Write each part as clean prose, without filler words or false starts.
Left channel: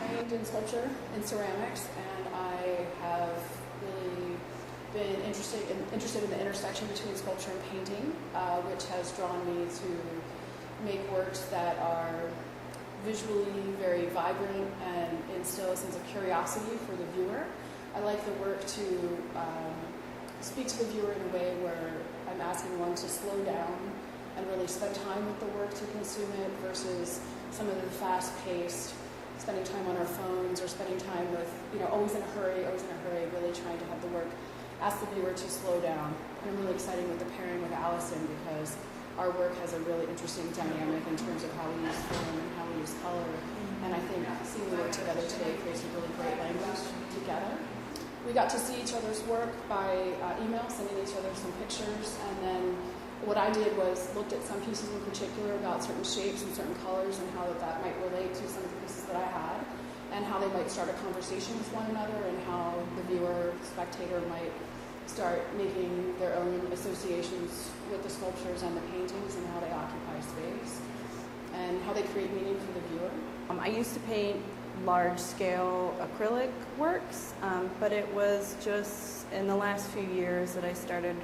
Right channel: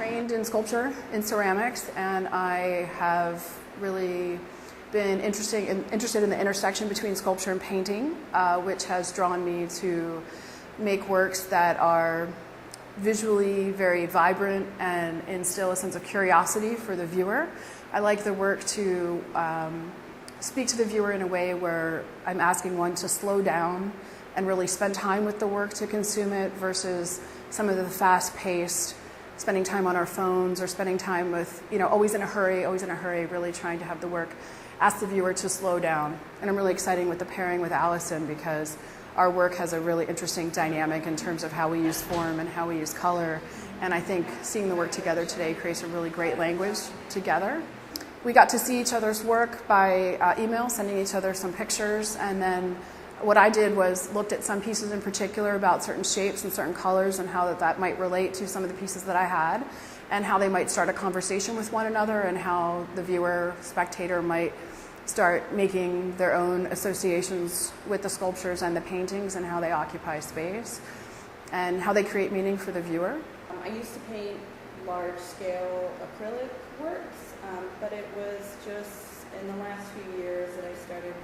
trained in sculpture, in ceramics, and I have really been interested in the intersection between sculpture and painting, which has drawn me to make works that are visually very vibrant and instill a sense of curiosity for the viewer. I like the work to speak to the viewer in a way where I'm asking one to slow down and really spend time with the work to consume it versus some of the fast-paced, spending time on our phones or spending time with, always in a hurry, really trying to have the work ask the viewer to slow down. And I'm really excited with the pairing with Allison because our work has a really interesting dynamic in terms of how we use form and how we use color. And I think seeing the work together today creates a really great language together. We got to see each other's work by email, sending each other some pictures, and then what I did was looked at some pieces in particular about certain shapes and certain colors and how that might relate to some of the pieces that I had and how they might start a conversation with one another and how the viewer, spectator might start making their own associations with the sculptures and the paintings and how they occupy space and how they create meaning for the viewer. I used to paint large-scale acrylic works, but it was just in the last few years that I started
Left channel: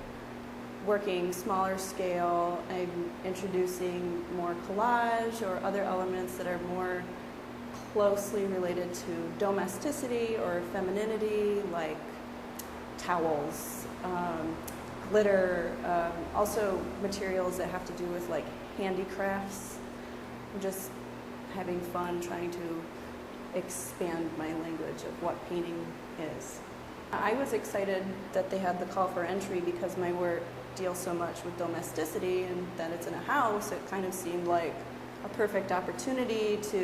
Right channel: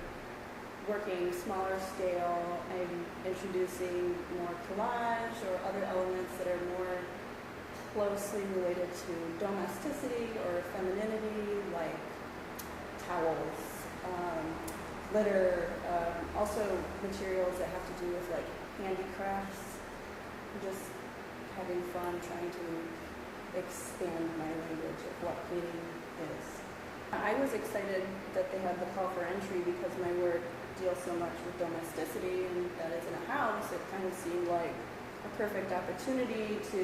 working smaller scale and introducing more collage or other elements that are more closely related to domesticity or femininity, like towels, glitter, also materials that have to do with like handicrafts. Just having fun trying to expand my language of what painting is. I was excited that they had the call for entry because my work deals so much with domesticity and that it's in a house. It kind of seemed like a perfect opportunity to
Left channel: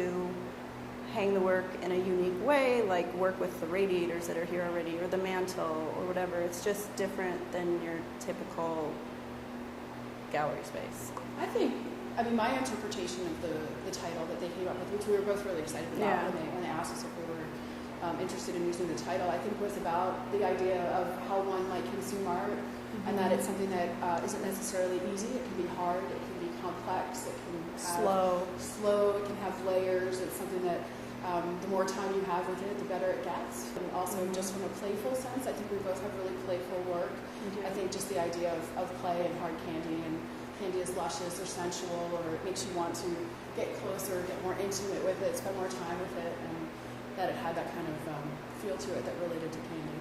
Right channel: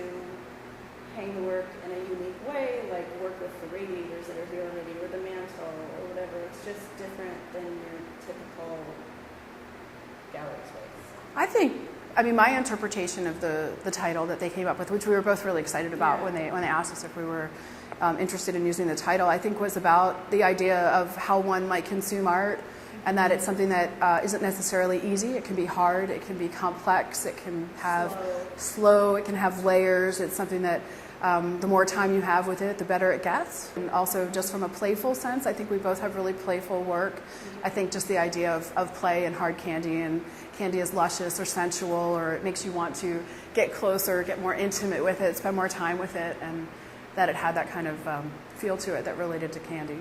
hang the work in a unique way, like work with the radiators that are here already or the mantle or whatever. It's just different than your typical gallery space. My interpretation of the title that they came up with, which we were both really excited about when they asked us if we were interested in using the title, I think was about the idea of how one might consume art and that it's something that isn't necessarily easy. It can be hard, it can be complex, it can have slow, it can have layers. It's something that the more time you have with it, the better it gets. And also just from a playful sense, I think we both have really playful work. I think just the idea of play and hard candy, and candy is luscious or sensual, or it makes you want to get closer, get more intimate with it, spend more time with it, and that it had that kind of feel to it that related to candy.